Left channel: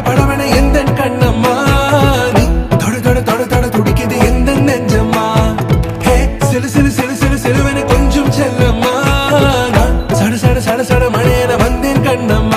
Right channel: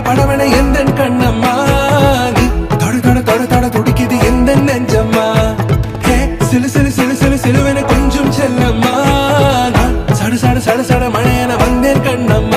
படவன எந்த கண்ணம்மா நீ தொட தொட தொட தொட துடிக்குது எந்த நெஞ்சம்மா ஹே சிலு சிலு சிலு சிலு சிலுவன கொஞ்சம் செல்லம்மா நான் சட சட சட சட மழையன வந்தேன் கண்ணம்மா